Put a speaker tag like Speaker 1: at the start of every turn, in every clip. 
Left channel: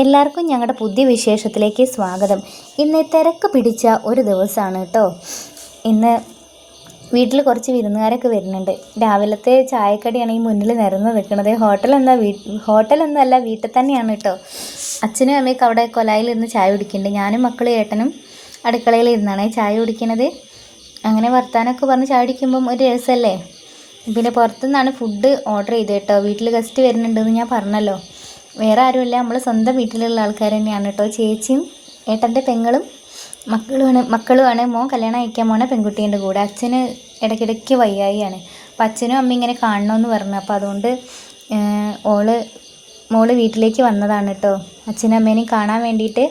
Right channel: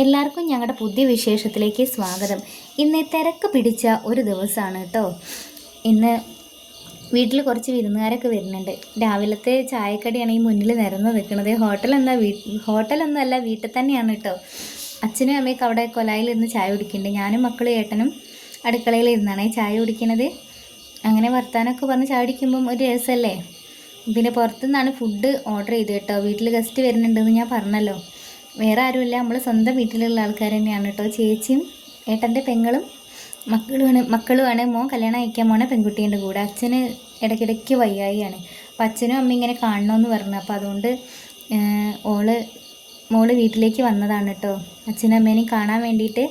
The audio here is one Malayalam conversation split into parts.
Speaker 1: എല്ലാവർക്കും ഞങ്ങളുടെ പുതിയ വിശേഷത്തിലേക്ക് സ്വാഗതം. ഇന്ന് തിരക്ക് പിടിച്ച ഒരു ദിവസമാണ് കേട്ടോ. ഇന്ന് വീട്ടിൽ കുറച്ച് വിരുന്നുകാരൊക്കെ വരുന്നുണ്ട്. രാവിലത്തെ ചായക്കടിയാണ് ഈ മുന്നിൽ നിരന്ന് നിൽക്കുന്നത് ഹോട്ടലെന്താ വീ ഹോട്ടലൊന്നും അല്ല വീട്ടിൽ തന്നെയാണ് കേട്ടോ. അച്ഛനും അമ്മയൊക്കെ അവിടെ കൊലായിലിരുന്ന് ചായ കുടിക്കുന്നുണ്ട്. ഞാനും മക്കളും ഏട്ടനും അടുക്കളയിൽ ഇരുന്നാണ് ചായ കുടിക്കുന്നത് അങ്ങനെ വർത്താനമൊക്കെ പറഞ്ഞ് ചായ കുടിക്കുമ്പം ഒരു രസമല്ലേ? പിന്നെ പുറത്തുനിന്നാണ് ഫുഡ് ഓർഡർ ചെയ്ത് കേട്ടോ. വീട്ടിൽ ഗസ്റ്റ് വരുന്നുണ്ടെന്ന് ഞാൻ പറഞ്ഞല്ലോ. വേറെ ആരുമില്ല. നമ്മൾ സ്വന്തം വീട്ടിലുള്ള ആൾക്കാർ തന്നെയാണ് കേട്ടോ. ചേച്ചിയും ഏട്ടന്റെ പെങ്ങളും മക്കളുമാണ് മക്കളുമാണ്. മോൻ കല്യാണം അയക്കാൻ മോനെ പെൺകുട്ടീന്റെ കൂടെ. അച്ഛന് ഇടയ്ക്കിടയ്ക്ക് വയ്യായിയാണ്. അപ്പം അച്ഛനും അമ്മ ഇങ്ങനെ കാണണമെന്ന് പറഞ്ഞു. അപ്പോൾ അതുകൊണ്ട് ഓൾ മോൾ വീട്ടിലേക്ക് വന്നതാണ് കേട്ടോ. അച്ഛനും അമ്മേനെയും കാണാൻ വേണ്ടിയിട്ട്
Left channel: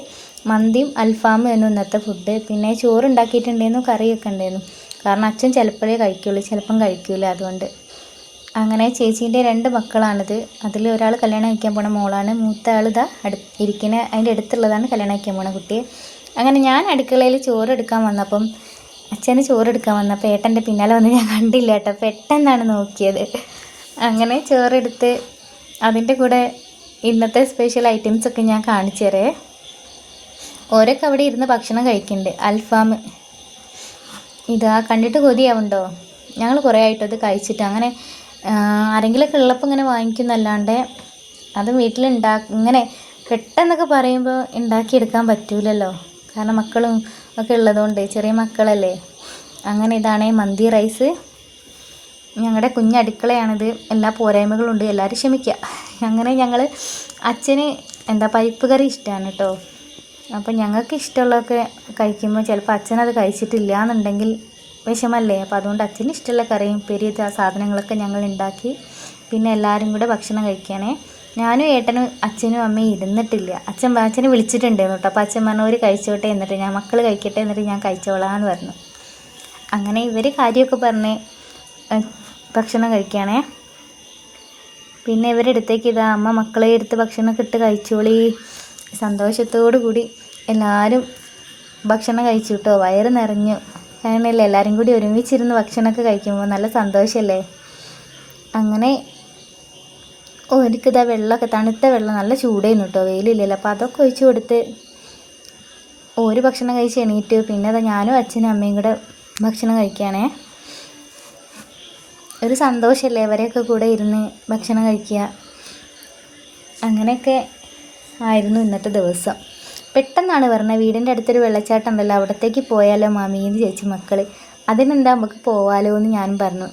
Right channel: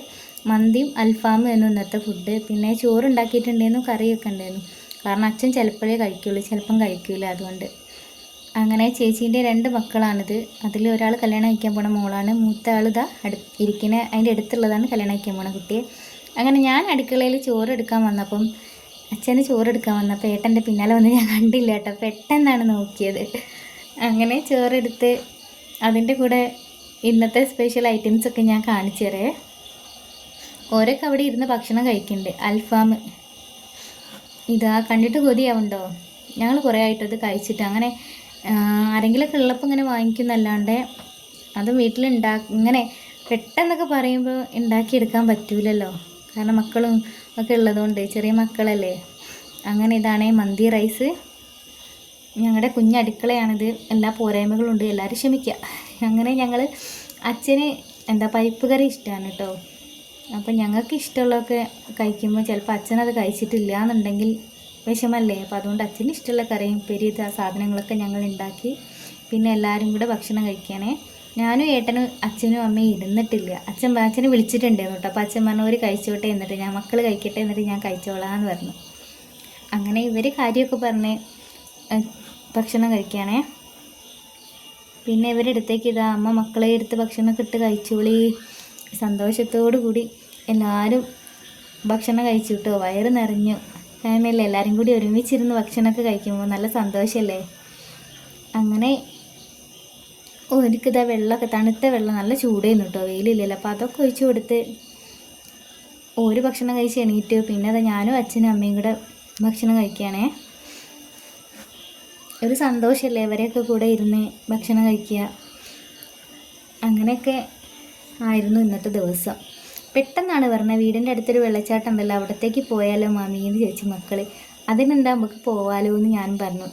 Speaker 1: മന്തിയും അൽഫാമും എന്നും ഇന്നത്തെ ഫുഡ് പിന്നെ ചോറ് ഉണ്ടാക്കിയിട്ടുണ്ടായിരുന്നു കറിയൊക്കെ ഉണ്ടായിരുന്നു. കാരണം അച്ഛൻ ചിലപ്പോഴേ കഴിക്കുള്ളൂ. ചിലപ്പം കഴിക്കില്ല അതുകൊണ്ട്. അങ്ങനെ ചേച്ചീന്റെ രണ്ട് മക്കളാണിത്. അതിൽ ഒരാൾ കല്യാണം കഴിക്കാൻ പോണ മോളാണ്. മൂത്ത ആൾ ഇതാ അടു ഇരിക്കുന്ന അതിന്റെ അടുത്തുള്ളതാണ് കല്യാണം കഴിക്കാൻ പോണ കുട്ടി. അങ്ങനെ ഞാൻ അടുക്കളയിൽ ചോറ് എടുക്കാൻ വന്നപ്പം അച്ഛന് ചോറ് എടുക്കാൻ വന്നപ്പോൾ ഏട്ടന്റെ പിന്നാലെ വന്ന് ഞാൻ കണ്ടില്ല കേട്ടോ. പെട്ടെന്നാണ് നോക്കിയത്. അങ്ങനെ ചോറെടുത്ത് അതിന്റെ കൂടെ ഇന്നത്തെ സ്പെഷ്യൽ ഐറ്റംസൊക്കെ ഞാൻ കാണിച്ചു തരേ. ഓരോക്കെ അവിടെ ഇരുന്ന് ഭക്ഷണം കഴിക്കുന്നുണ്ട് അൽഫാം. ഇതാ കണ്ടിട്ട് കൊതിയാവുണ്ടോ? ഞങ്ങൾ കുറേ ആയിട്ടത് കഴിച്ചിട്ട് അങ്ങനെ ആരെങ്കിലുമൊക്കെ ഉള്ളപ്പോൾ ഇങ്ങനെ വാങ്ങിക്കുന്നല്ലാണ്ട് അത് വീട്ടിലുണ്ടാ ഇങ്ങനെ പെട്ടെന്നൊക്കെ പറയുമ്പോൾ ഉണ്ടാക്കിയെടുക്കാൻ പറ്റൂലല്ലോ. കാരണം മക്കളും ഒക്കെ ഉള്ളതുകൊണ്ട് ചെറിയ മക്കളല്ലേ. അങ്ങനെ ഇതാണ് മന്തി റൈസ്. ഞങ്ങളുടെ കുഞ്ഞടുക്കളയാണിത് എല്ലാ പോരായ്മകളും ഉണ്ട്. എല്ലാവരും ക്ഷമിക്കുക അങ്ങനെ ഞങ്ങൾ അച്ഛന് എന്താ പരിപ്പ് കറി ഇഷ്ടമാണ് കേട്ടോ അപ്പം ഞങ്ങൾക്ക് ഇഷ്ടമുള്ളതൊക്കെ കഴിക്കുമ്പോൾ ചിലപ്പോൾ അച്ഛനത് കഴിച്ചിട്ടില്ല എന്നുണ്ടെങ്കിൽ വിഷമല്ലേ അപ്പോൾ അതുകൊണ്ട് അച്ഛന് ഇഷ്ടമുള്ള കറിയും പെരിയ സാധനങ്ങളൊക്കെ ഞങ്ങൾ ഉണ്ടാക്കി. പിന്നെ എല്ലാവരും കൂടെ ഭക്ഷണം കഴിക്കാനേ ഞാനും ഏട്ടനും അച്ഛനും അമ്മയും ഇരുന്നിട്ടില്ല. അച്ഛൻ അച്ഛനെ വിളിച്ചിട്ടുണ്ടായിരുന്നു കേട്ടോ. അപ്പോൾ അച്ഛൻ പറഞ്ഞു ഒരു കഴിച്ചോട്ടെ എന്നിട്ട് ഞാൻ മക്കൾ കഴിക്കട്ടെ എന്നിട്ട് ഞാൻ കഴിച്ചോളാം എന്ന് പറഞ്ഞു. അങ്ങനെ ഇവർ കാര്യമൊക്കെ പറഞ്ഞ് ഭക്ഷണം കഴിക്കുകയാണേ പിന്നെ ഇവരുടെ അടുത്തേക്ക് ഇതാ അമ്മ മക്കളെ എടുത്ത് ഭക്ഷണമൊക്കെ ഇട്ട് കഴിച്ചോളി. സന്തോഷത്തോടു കൂടി എല്ലാവരും ഭക്ഷണം കഴിച്ചു കേട്ടോ. വയറ് നിറഞ്ഞു. അങ്ങനെയല്ലേ എല്ലാവരും കൂടി ഒരുമിച്ചിരുന്ന് ഭക്ഷണമൊക്കെ കഴിക്കുമ്പോൾ നല്ല സന്തോഷമല്ലേ അങ്ങനെ ഒരിക്കതാ വെള്ളമൊക്കെ തണുത്ത വെള്ളം നല്ല ചൂടായിരുന്നു കേട്ടോ വെയിലില്ലല്ലോ. അപ്പോൾ അതൊക്കെ ഒഴിച്ചു കൊടുത്ത് ഒരു ഭക്ഷണം കഴിച്ച് എണീറ്റ്. പിന്നെ അതാ ഞാനും അച്ഛനും അമ്മയും കൂടെ ഭക്ഷണം കഴിക്കുകയാണേ ഒരു സന്തോഷമല്ലേ അവരെയൊക്കെ കൂടെ ഇരുന്ന് ഭക്ഷണം കഴിക്കുക അങ്ങനെയൊക്കെ ആയിരുന്നു ഇന്നത്തെ ദിവസം. പെട്ടെന്നാണ് പറഞ്ഞത് വീടിന്റെ അടുത്തൊരു വെള്ളച്ചാട്ടം ഉണ്ടല്ലോ അവിടത്തേക്ക് പോയാലോ മാമി എന്ന് ചേച്ചി മക്കൾ അതിനെന്താ നമുക്ക് പോവാലോ എന്ന് ഞാനും പറഞ്ഞു.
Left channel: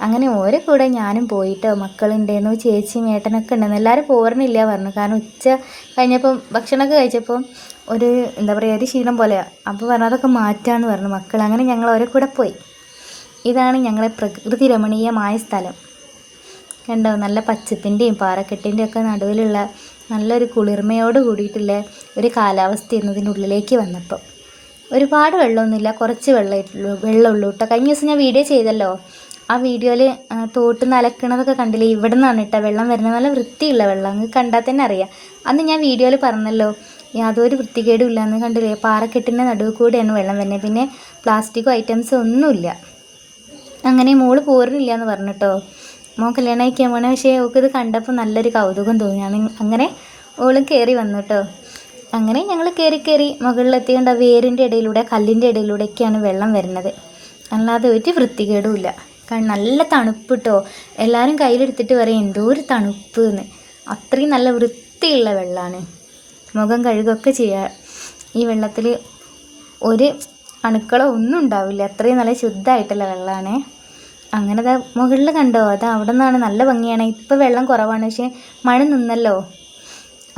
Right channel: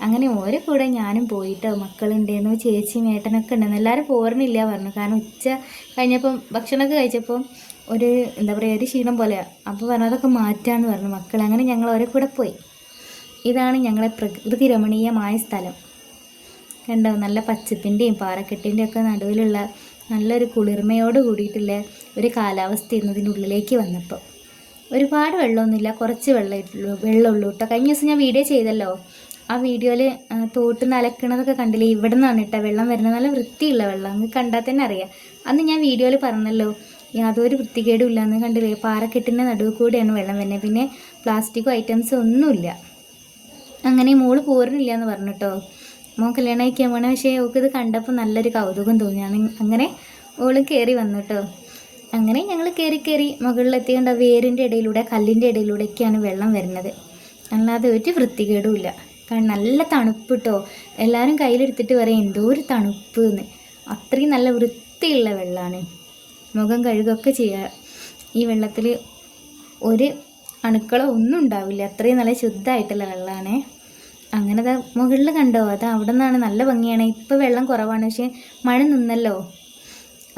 Speaker 1: അങ്ങനെ ഓരോ കൂടെ ഞാനും പോയിട്ടോ മക്കളുണ്ടേന്നു ചേച്ചിയും ഏട്ടനൊക്കെ ഉണ്ടെന്ന് എല്ലാവരും പോരണില്ല പറഞ്ഞു. കാരണം ഉച്ച കഴിഞ്ഞപ്പം ഭക്ഷണമൊക്കെ കഴിച്ചപ്പം ഒരു എന്താ പറയുക ഒരു ക്ഷീണം പോലെയാണ് അപ്പോൾ പറഞ്ഞു അതൊക്കെ മാറ്റാമെന്ന് പറഞ്ഞു മക്കൾ അങ്ങനെ ഞങ്ങൾ ഓരോ കൂടെ പോയി. ഇതാണ് ഞങ്ങളെ പ്രകൃതി രമണീയമായ സ്ഥലം. കണ്ടോ? നല്ല പച്ചപ്പിന്റെയും പാറക്കെട്ടിന്റെയും ഒക്കെ നടുവിലുള്ള നല്ലൊരു കുളിർമയോട് കൂടിയിട്ടുള്ള ഒരു കാലാവസ്ഥയായിരുന്നു ഇതിന്റെ ഉള്ളിലേക്ക് വന്നപ്പോൾ. ഒരുപാട് വെള്ളമൊന്നുമില്ല കുറച്ച് വെള്ളമായിട്ടുള്ളൂ വെള്ളമുള്ളൂ കേട്ടോ. കഴിഞ്ഞ ദിവസം ഞാൻ വീഡിയോ ചെയ്തല്ലോ. ആ വീഡിയോയിൽ തോട്ട് നലക്കണതൊക്കെ കണ്ടില്ലേ? ഇവിടെ നിന്നാണ് കേട്ടോ വെള്ളം വരുന്നത്. നല്ല വൃത്തിയുള്ള വെള്ളം അങ്ങ് കണ്ടാൽ തന്നെ അറിയാം. അന്ന് ഞാൻ വീഡിയോയിൽ പറഞ്ഞല്ലോ യാതൊരു വൃത്തികേടും ഇല്ലയെന്ന് കണ്ടില്ലേ? പാറക്കെട്ടിന്റെ നടുവ് കൂടിയാണ് വെള്ളം വരുന്നത്. പിന്നെ പ്ലാസ്റ്റിക്കോ ഐറ്റംസോ ഒന്നുമില്ല. അങ്ങനെ മോൾ പോരുന്നില്ല എന്ന് പറഞ്ഞിട്ടോ മോൻ കല്യാണം കഴിക്കാൻ പോണേ. പക്ഷേ ഓൾക്ക് കണ്ടപ്പോൾ നല്ലൊരു കൗതുകം തോന്നി. അന്ന് അങ്ങനെ ഓളും കയറി വന്നു കേട്ടോ അങ്ങനെ ഞങ്ങൾ കയറി കയറി മുകളിലെത്തിയേണ്ട വേരിന്റെ ഇടയിലൂടെ കല്ലിന്റെ ഇടയിലൂടെയൊക്കെയാണ് വെള്ളം വരുന്നത്. അല്ലാതെ ഒരു വൃത്തികേടുമില്ല കാരണം നല്ല തണുപ്പ് കേട്ടോ എല്ലാവരും കയ്യിലെടുത്തിട്ട് പറയും എന്തോ ഒരു തണുപ്പ് എന്ന് അത്രയും നല്ല വൃത്തിയുള്ള വെള്ളമാണ് മുഖം കഴുകൊക്കെ ചെയ്യുക ഈ വെള്ളത്തിൽ ഒരു അണുക്കളോ ഒന്നും ഉണ്ടാവില്ല. അത്രയും നല്ല ശുദ്ധമായിട്ടുള്ള വെള്ളമാണേ അങ്ങനെ മുകളിൽ കണ്ടോ? അത് അവിടെ നിന്നാണ് നല്ല ഭംഗിയാണ്. ഇപ്പോൾ വെള്ളം കുറവാണ്. പക്ഷേ മഴ നിന്നല്ലോ.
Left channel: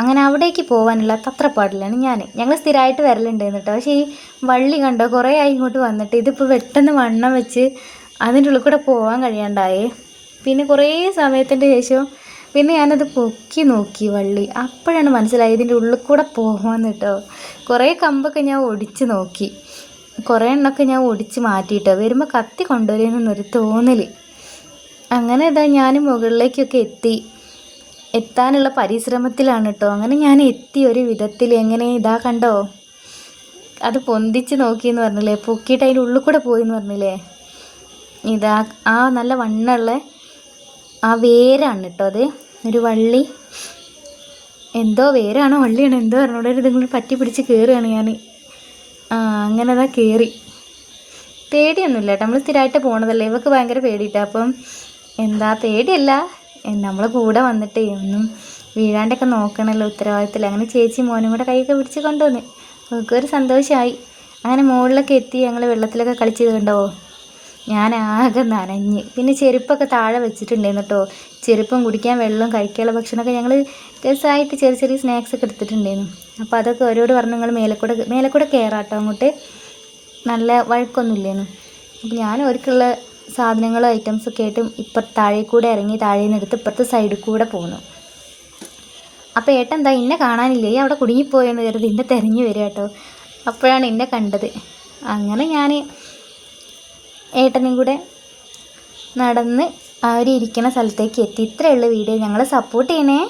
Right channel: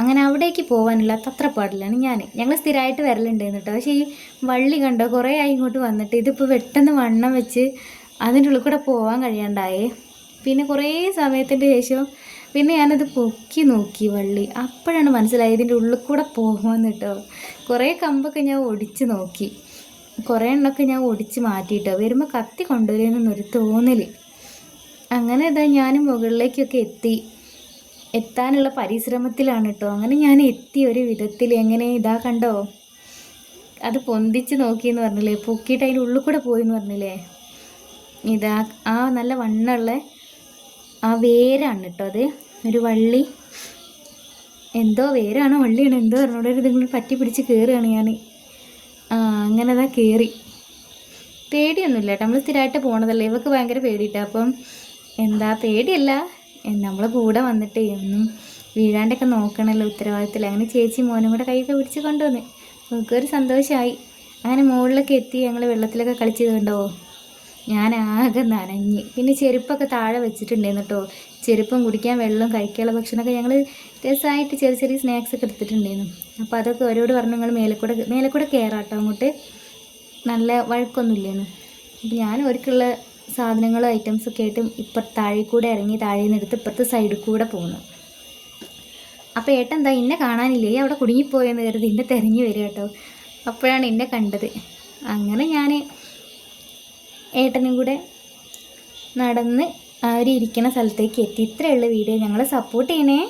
Speaker 1: അങ്ങനെ അവിടേക്ക് പോകാനുള്ള തത്രപ്പാടിലാണ് ഞാൻ ഞങ്ങൾ സ്ഥിരമായിട്ട് വരലുണ്ടായിരുന്നു കേട്ടോ. പക്ഷേ ഈ വള്ളി കണ്ടോ? കുറേ ആയി ഇങ്ങോട്ട് വന്നിട്ട് ഇതിപ്പോൾ പെട്ടെന്ന് വണ്ണം വെച്ച് അതിന്റെ ഉള്ളിൽ കൂടെ പോകാൻ കഴിയാണ്ടായേ. പിന്നെ കുറേ സമയത്തിന്റെ ശേഷം പിന്നെ ഞാനത് പൊക്കി നോക്കി വള്ളി. അപ്പോഴാണ് മനസ്സിലായത് ഇതിന്റെ ഉള്ളിൽ കൂടെ പോകാമെന്ന് കേട്ടോ. കുറേ കമ്പൊക്കെ ഞാൻ ഒടിച്ച് നോക്കി. കുറേ എണ്ണമൊക്കെ ഞാൻ ഒടിച്ച് മാറ്റിയിട്ടോ. വരുമ്പോൾ കത്തി കൊണ്ടുവരുമെന്നൊരു തോന്നൽ അങ്ങനെ ഇതാ ഞാൻ മുകളിലേക്കൊക്കെ എത്തി. എത്താനുള്ള പരിശ്രമത്തിലാണ് കേട്ടോ അങ്ങനെ ഞാൻ എത്തി ഒരു വിധത്തിൽ എങ്ങനെ ഇതാ കണ്ടോ? അത് പൊന്തിച്ച് നോക്കിയെന്ന് പറഞ്ഞില്ലേ? പൊക്കിയിട്ട് അതിന്റെ ഉള്ളിൽ കൂടെ പോയി എന്ന് പറഞ്ഞില്ലേ? ഇതാ ആ നല്ല വണ്ണുള്ള ആ വേരാണ് കേട്ടോ അത്. ഒരു വള്ളി. എന്തോ വേരാണോ വള്ളിയാണോ. എന്തോ പറഞ്ഞോളൂ ഇതുങ്ങൾ പറ്റി പിടിച്ച് കയറുകയാണ് ഞാൻ അങ്ങനെ അതാ കയറി പേടിയൊന്നുമില്ല കേട്ടോ. നമ്മൾ സ്ഥിരമായിട്ട് പോണതല്ലേ. ഇവക്ക് ഭയങ്കര പേടിയിട്ടാ. അപ്പം എന്താ പേടിയല്ല. നമ്മൾ കൂടെ വന്നിട്ടേ ഒന്നും വീഴാണ്ടൊക്കെ നോക്കണമല്ലോ ഉത്തരവാദിത്തത്തിൽ. അങ്ങനെ ചേച്ചി മോനും കൂടെ കൈയൊക്കെ പിടിച്ച് കൊണ്ടുവന്ന്. ഒരു സന്തോഷമായി അങ്ങനെ മുകളിലൊക്കെ എത്തി ഞങ്ങൾ വെള്ളത്തിലൊക്കെ കളിച്ചത് കണ്ടോ? ഞാൻ ആകെ നനഞ്ഞ്. പിന്നെ ചെരുപ്പൊക്കെ താഴെ വെച്ചിട്ടുണ്ടായിരുന്നു കേട്ടോ ചെരുപ്പും കുടിക്കാൻ വെള്ളവും കഴിക്കാനുള്ള ഭക്ഷണമൊക്കെ ഞങ്ങൾ രസമായിട്ട് ചെറിയ ചെറിയ സ്നാക്സ് ഒക്കെ എടുത്തിട്ടുണ്ടായിരുന്നു. അപ്പോൾ അതൊക്കെ ഓരോട് പറഞ്ഞു നിങ്ങൾ മേലെക്കൂടെ മേലെക്കൂടെ കയറാം കേട്ടോ അങ്ങോട്ട്. നല്ല വഴക്കൊന്നുമില്ലേന്ന്. അപ്പോൾ ഞാൻ ഒരുക്കുള്ള സാധനങ്ങളും ഐറ്റംസൊക്കെ ആയിട്ട് ഇപ്പുറത്ത് താഴെ കൂടെ ഇറങ്ങി താഴെ നിന്ന് എടുത്ത് ഇപ്പുറത്തെ സൈഡിൽ കൂടെ പോന്നു. അപ്പോൾ ഏട്ടൻ എന്താ ഇന്നെ കാണാനില്ലേ? അവിടെ കുടുങ്ങിപ്പോയെന്ന് കരുതി എന്നെ തിരഞ്ഞു വരിക കേട്ടോ അപ്പോഴാണ് ഇന്നെ കണ്ടത്. അങ്ങനെ ഞാൻ ഏട്ടനും കൂടെ നടന്ന് ഇരിക്കുന്ന സ്ഥലത്തേക്ക് എത്തി. ഇത്രയുള്ള വീഡിയോ. ഞങ്ങൾ സപ്പോർട്ട് ചെയ്യണേ.